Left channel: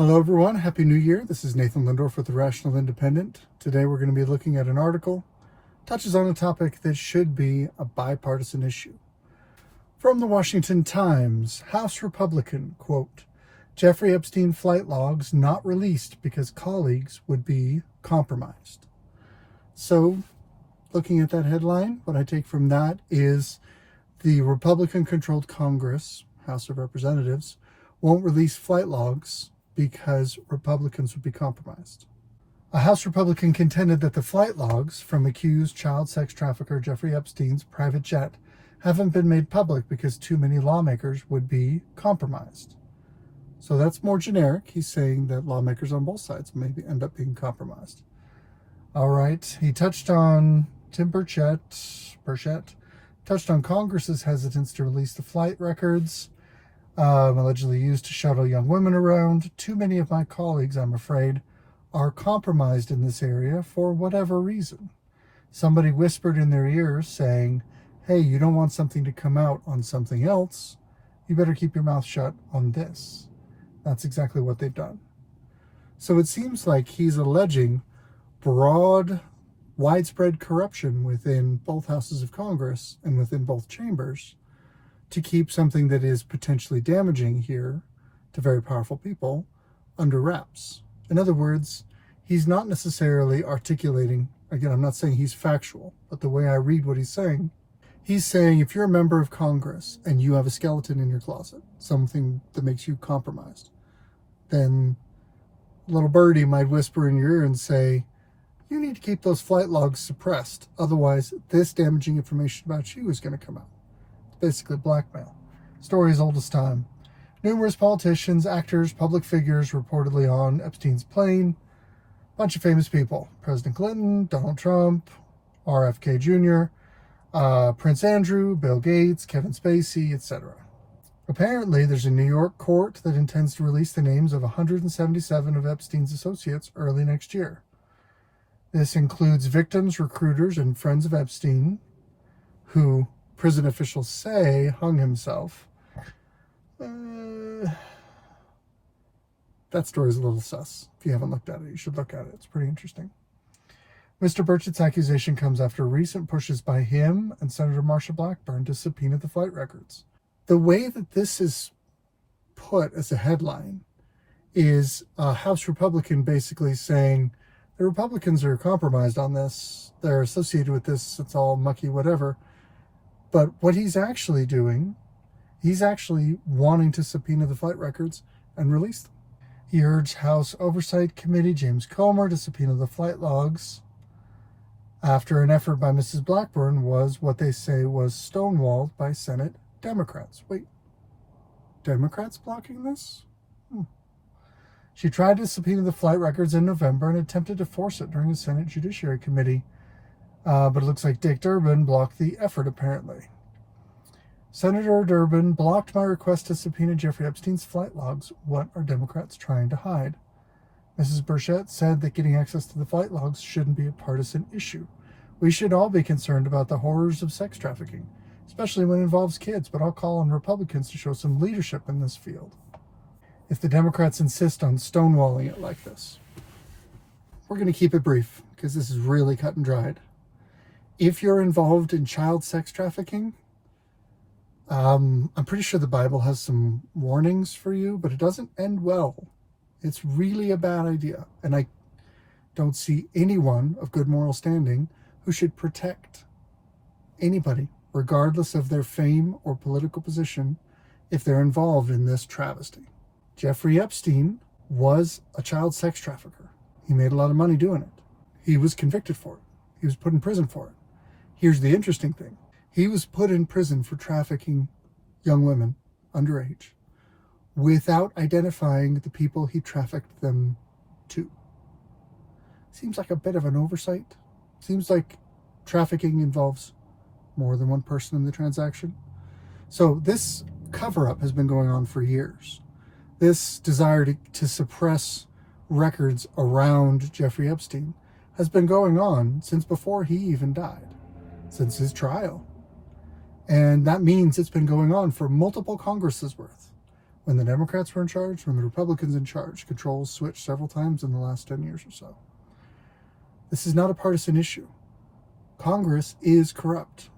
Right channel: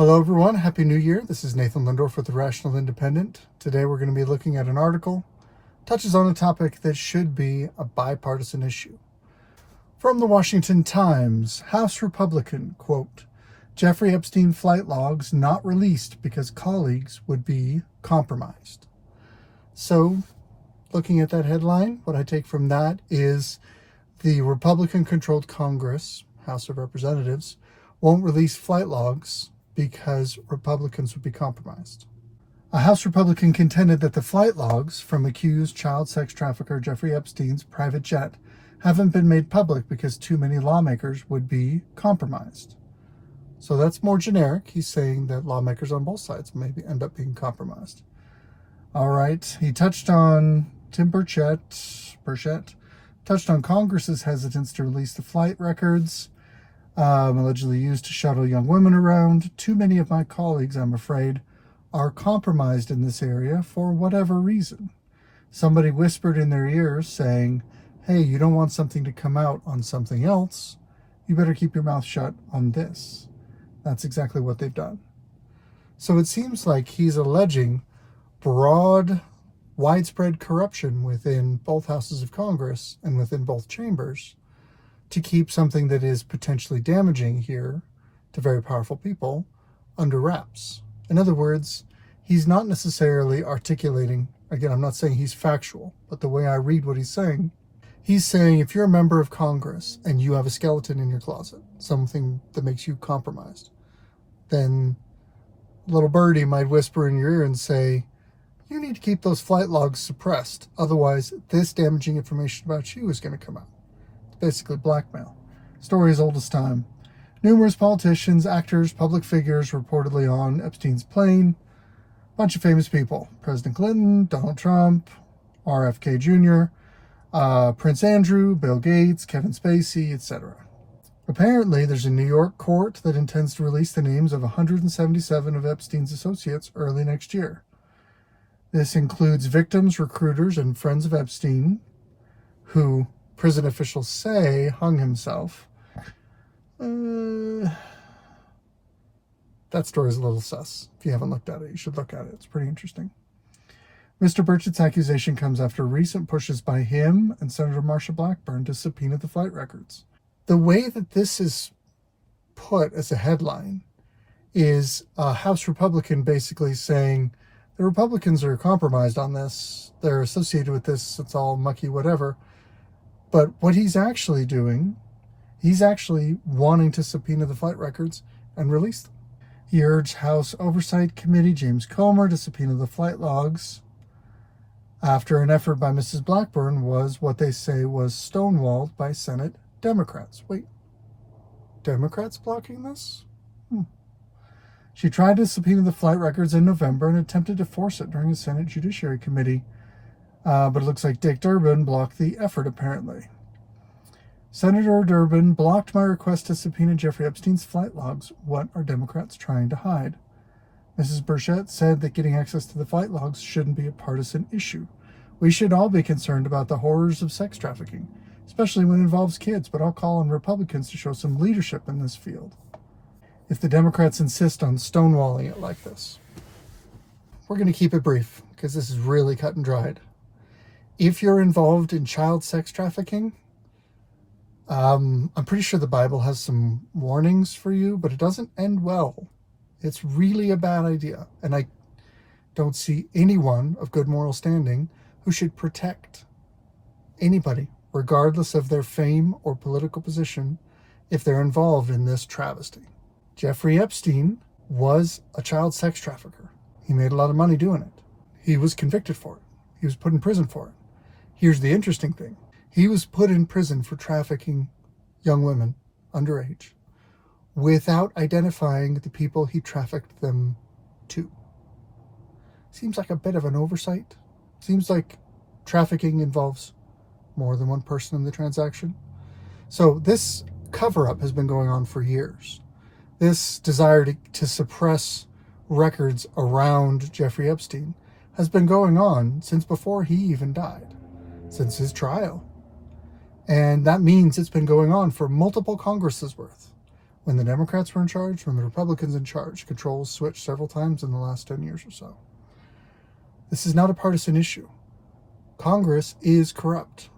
Hello everyone, Happy New Year. This is Nathan Lindorf with the Rational Independent. Today we're going to be looking at an article touches on a topic that should be a bipartisan issue. From the Washington Times, House Republican, quote, Jeffrey Epstein flight logs not released because colleagues would be compromised. So, looking at that headline, what I take from that is the Republican-controlled Congress, House of Representatives, won't release flight logs because Republicans would be compromised. A House Republican contended that the flight logs from accused child sex trafficker Jeffrey Epstein's private jet haven't been made public because too many lawmakers would be compromised. So that's more generic. He's saying that lawmakers on both sides maybe end up being compromised. All right. He touched on Tim Burchett touched on Congress's hesitance to release the flight records allegedly used to shuttle young women around. Too many of my colleagues, I'm afraid, are compromised in this area for whatever reason. Somebody whispered in their ears saying, hey, you don't want something to come out on something else. You better keep your mouth shut on this. That's exactly what they've done. So it seems like he's alleging broad, widespread corruption within both houses of Congress and within both chambers to keep something that is potentially damaging here to very powerful people under wraps. In other words, he's not necessarily articulating, again, I'm not saying he's factual, but the way I read what he's saying if you're a member of Congress and you have a skeleton in your closet, something that makes you compromised, then little birdie might whisper in your ear and say, you need to keep those flight logs suppressed. Otherwise, this damaging information about you is going to come out. It's basically blackmail. Story as old as time. Numerous politicians, actors, public figures reportedly on Epstein's plane. Bunch of famous people. President Clinton, Donald Trump, RFK Jr., Prince Andrew, Bill Gates, Kevin Spacey, etc. Apparently, there's a New York court that intends to release the names of 177 of Epstein's associates early next year. This includes victims, recruiters, and friends of Epstein, who prison officials say hung himself. That story is a little sus. If you haven't looked at it, you should look at it. It's pretty interesting. Mr. Burchett's accusation comes after recent pushes by him and Senator Marsha Blackburn to subpoena the flight records. The way that this is put as a headline is a House Republican basically saying the Republicans are compromised on this. They're associated with this. It's all mucky, whatever. But what he's actually doing, he's actually wanting to subpoena the flight records and release them. He urged House Oversight Committee James Comer to subpoena the flight logs after an effort by Mrs. Blackburn was what they say was stonewalled by Senate Democrats. Wait, Democrats blocking this? She tried to subpoena the flight records in November and attempted to force it during a Senate Judiciary Committee. But it looks like Dick Durbin blocked the effort, apparently. Senator Durbin blocked my request to subpoena Jeffrey Epstein's flight logs. What are Democrats trying to hide? Mrs. Burchett said that getting access to the flight logs shouldn't be a partisan issue. We should all be concerned about the horrors of sex trafficking, especially when it involves kids, but I'll call on Republicans to show some leadership in this field if the Democrats insist on stonewalling it like this. We're going to keep it brief because this is really cut and dried. If you're involved in child sex trafficking, I'm pretty sure the Bible has some warnings for you, but it doesn't end well. It's really a bad idea. And I don't see anyone of good moral standing who should protect anybody, regardless of their fame or political position, if they're involved in this travesty. Jeffrey Epstein was a child sex trafficker. He made a lot of money doing it. He was convicted for it. He was put in prison for it. Here's the interesting thing. He was put in prison for trafficking young women underage without identifying the people he trafficked them to. Seems like a bit of an oversight. Seems like trafficking involves more than one person in the transaction. So this cover-up has been going on for years. This desire to suppress records around Jeffrey Epstein has been going on since before he even died, since his trial. And that means it's been going on for multiple Congresses worth. When the Democrats were in charge, when the Republicans in charge, controls switched several times in the last 10 years or so. This is not a partisan issue. Congress is corrupt.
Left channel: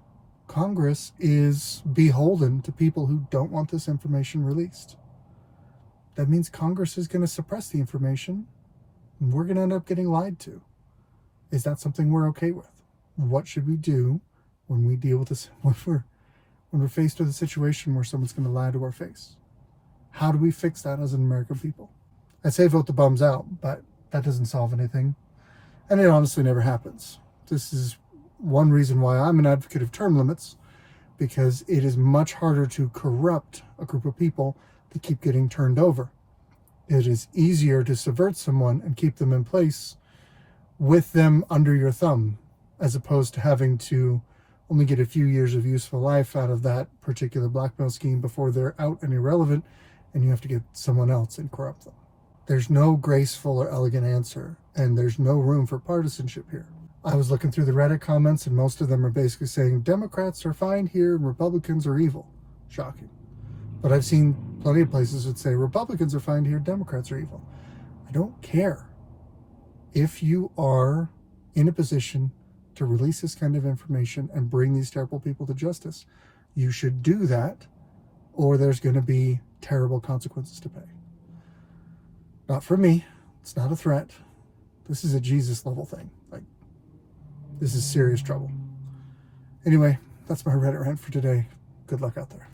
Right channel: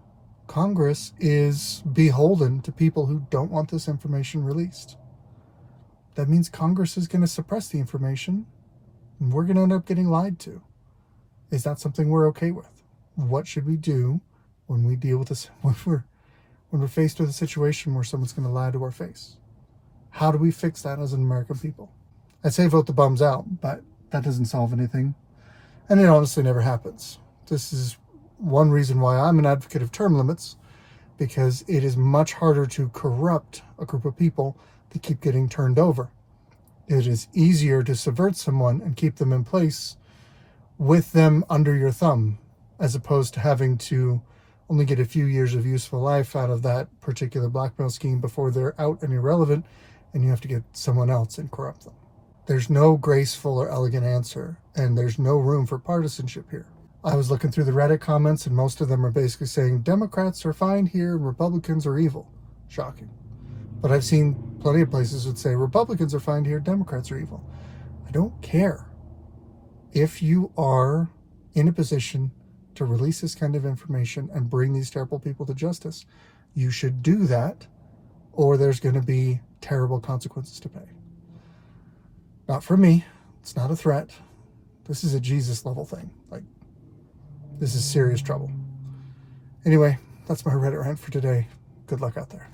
Congress is beholden to people who don't want this information released. That means Congress is going to suppress the information, and we're going to end up getting lied to. Is that something we're okay with? What should we do when we deal with this, when we're faced with a situation where someone's going to lie to our face? How do we fix that as an American people? I say vote the bums out, but that doesn't solve anything. And it honestly never happens. This is one reason why I'm an advocate of term limits, because it is much harder to corrupt a group of people that keep getting turned over. It is easier to subvert someone and keep them in place with them under your thumb, as opposed to having to only get a few years of useful life out of that particular blackmail scheme before they're out and irrelevant, and you have to get someone else and corrupt them. There's no graceful or elegant answer, and there's no room for partisanship here. I was looking through the Reddit comments, and most of them are basically saying Democrats are fine here and Republicans are evil. Shocking. But I've seen plenty of places that say Republicans are fine here, Democrats are evil. I don't care. If you are in a position to release this kind of information and bring these terrible people to justice, you should do that, or there's going to be terrible consequences to pay. Not from me. It's not a threat. This is a Jesus level thing. Like, this is serious trouble. Anyway, that's my Reddit rant for today. Good luck out there.